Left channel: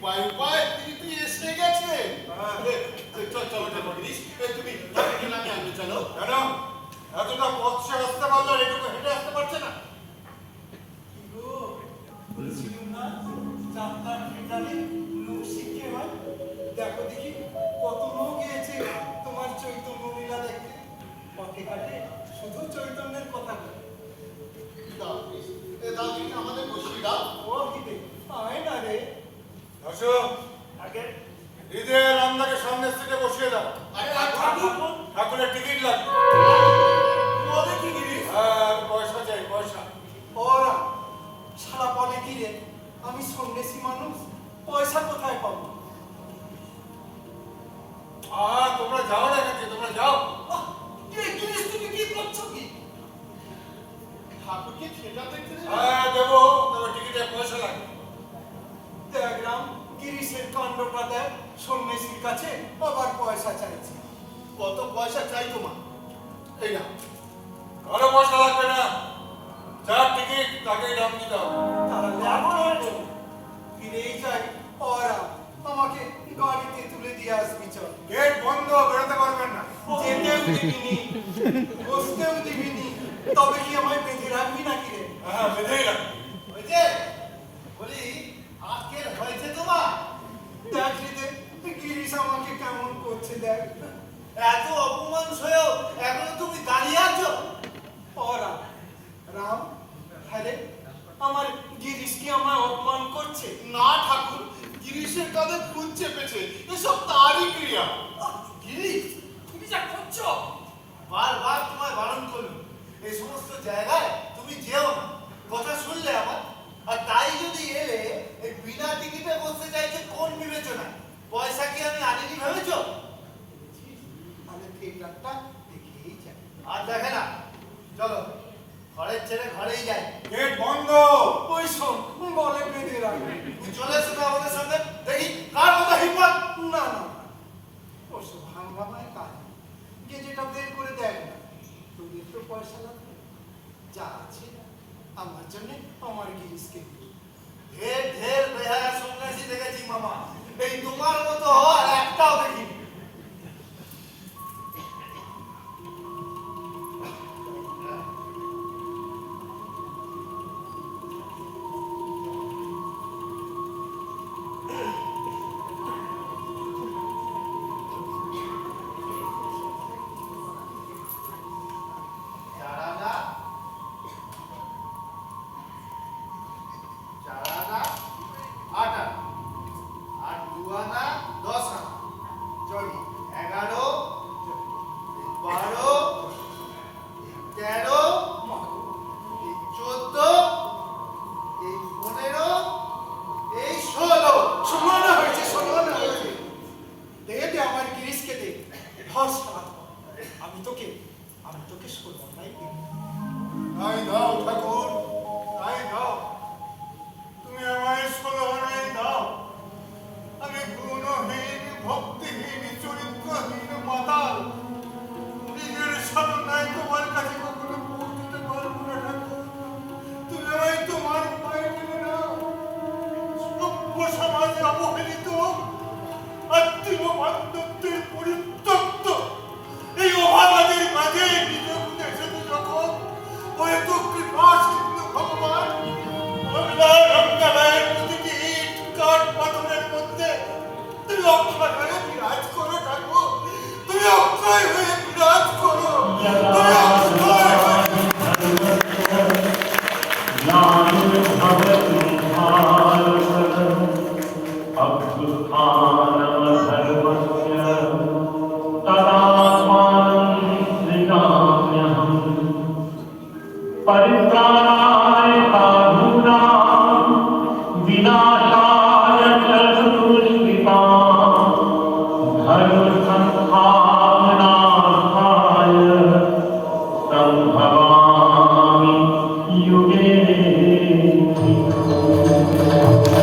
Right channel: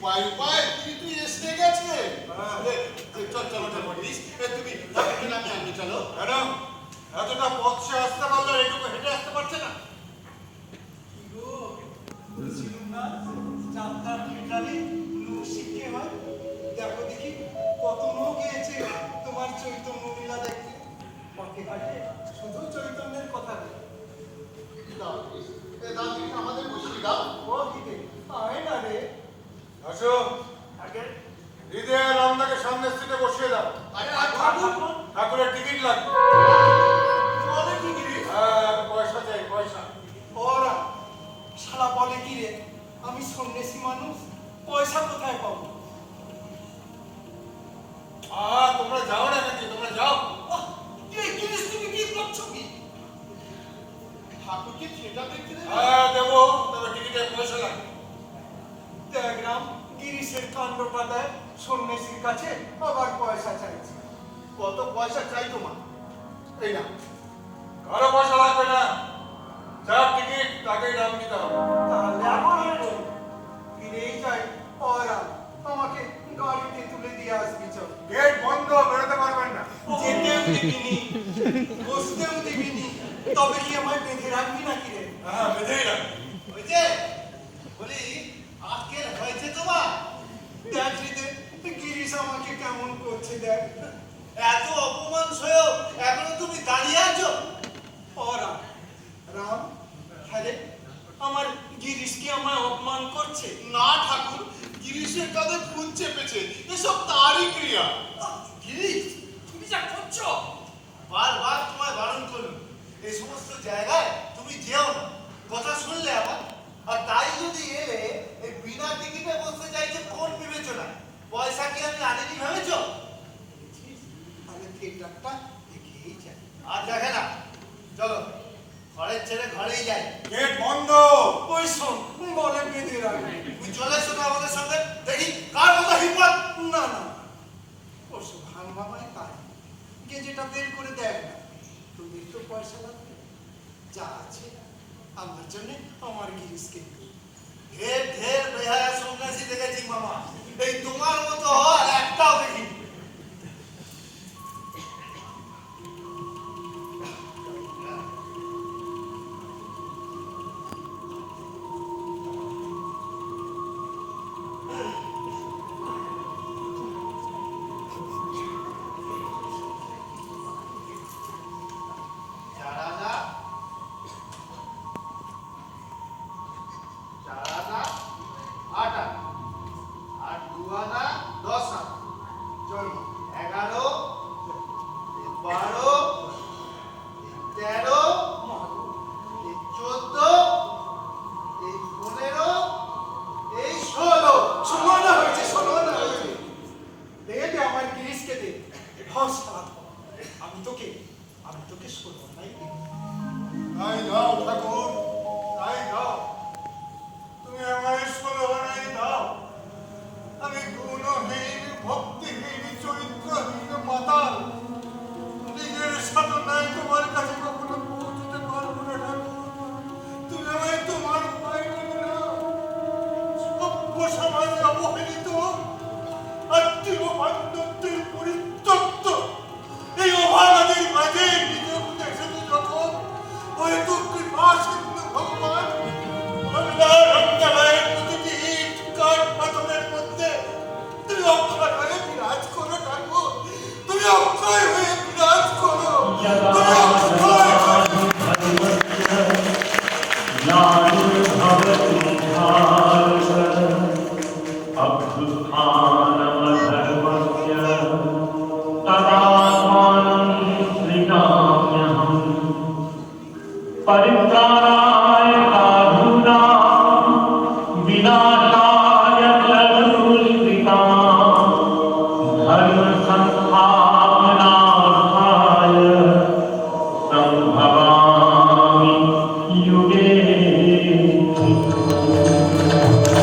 উপায় উপায় তুই এসে গেছে। চল চলো ঠাকুরিস, তুমি আমি আনতে চলো। ম্যাডাম এতটা পথ সে আসতে পারলো, এটুকু হেঁটে আসতে পারছে না। কি গো বলছিলাম না যাত্রার ফেরালে লোক শিখে হয়। দেখো দেখি কত লোক এসেছে তোমার চৈতন্য লীলা দেখতে। পথে ঘাটে শুধু চৈতন্যের কথা বলে। আমাদের বসিয়ে দাও। ও হিবে আয় না রে। আসো আগে হৃদয় রামনাকে সামনের সিটে বসিয়ে দাও। আরে ঠাকুরের টিকিট লাগবে। তোমাদের কি গিরিশ? হ্যাঁ পয়সা চাই, পয়সা। ওরা শালা বলে কি রে, আমি সন্ন্যাসী মানুষ, পয়সা কোথায় পাবো? তোমরা যাও না নাকি? তোমরা যাও। এই জিনিস তুমি কি করছো কি? ঠাকুরকে সেটা দেখতে দেবে? হ্যাঁ দেবো, তবে টিকিটের পয়সা লাগবে। দেখলাম গিরিশের কাণ্ডটায় সন্ন্যাসীর কাছে আবার পয়সা চাইছে। কত পয়সা চাই তোমার? এই না, কারো পয়সা লাগবে না, যার টিকিট তাকেই নাম দিতে হবে। তাহলে এখন আর বলি, ফিরেই যাই। ওরা আমাকে গাড়িতে তুলে দিয়ে আসবি চল। গেট বন্ধ, বেরোতে পারবেন না। যেতেও দিবিনি, বসতেও দিবিনি, তবে কি আমায় বেঁধে রাখবি নাকি রে? হ্যাঁ বেঁধেই রাখবে। ওই যে বলি আজকের হয়েছে তোমার দেখ রে, গিরিশ আমাকে কেমন করছে দেখ। এত অপমান সয়েও এখনো তুমি দাঁড়িয়ে আছো। ওরা রাম, হ্যাঁ রে, আমার গিরিশ কি আমায় অপমান করছে? না ঠাকুর, গিরিশের কাঁধে ফুল চেপেছে, এসব তারই ক্রিয়া। গিরিশ তুমি যা করছো, বারবার তোমায় বারণ করলো এই সমস্ত জায়গায় তুমি যেও না, কথা শুনলে আমার। আর তাই যদি এলে এই বিনা টিকিটে বসতে চাইছে কোন বিবেচনা? পয়সা কি আমি আনিনি ভেবেছো? তাহলে থিয়েটারটা দেখেই যাই। আর দেখে না, চলো ঘরের ছেলে ঘরেই যাই। গেট বন্ধ। ওই শোন বলে বেঁধে রাখবে। তুমি চলে এসো না আমাদের সঙ্গে, দেখি কার মতো হিম্মত। না না, ওসব ভাঙবামায় কাজ। গিয়ে যেটা বের করে দেখ না, তোদের তো পয়সা লাগবে, যা আছে আমার জন্য আমার গিরিশকে দিবি। ঢের ঢের বেহায়া সন্ন্যাসী দেখেছি মামা, এই তোমার মতো আর একটাও দেখিনি। আমি তোকে সর্বদাই তাই দাও ঠাকুর, তাই দাও। তুমি আমায় ষোলনাই দাও। আমি গুণহীন, ভক্তিহীন, চরিত্রহীন মাতাল, নিজের সাধনায় তোমার কাছে কখনো পৌঁছতে পারবো না ঠাকুর। তুমি আমায় তোমার পায়ে মেনে নাও। সভ্য সমাজে অবহেলিত, আত্মীয় বান্ধবদের পরিত্যক্ত এই অভাগাদের মাঝে নিজের দেশেতে যখন হয়তো কৃপা সিন্ধু ভগবান বাংলা রঙ্গালয়ের প্রতিটি ইট কাঠ পাথরের মধ্যে তুমি অক্ষয় হয়ে বিরাজ করো ঠাকুর। তুমি অক্ষয় হয়ে বিরাজ করো। তুমি অক্ষয় परिवार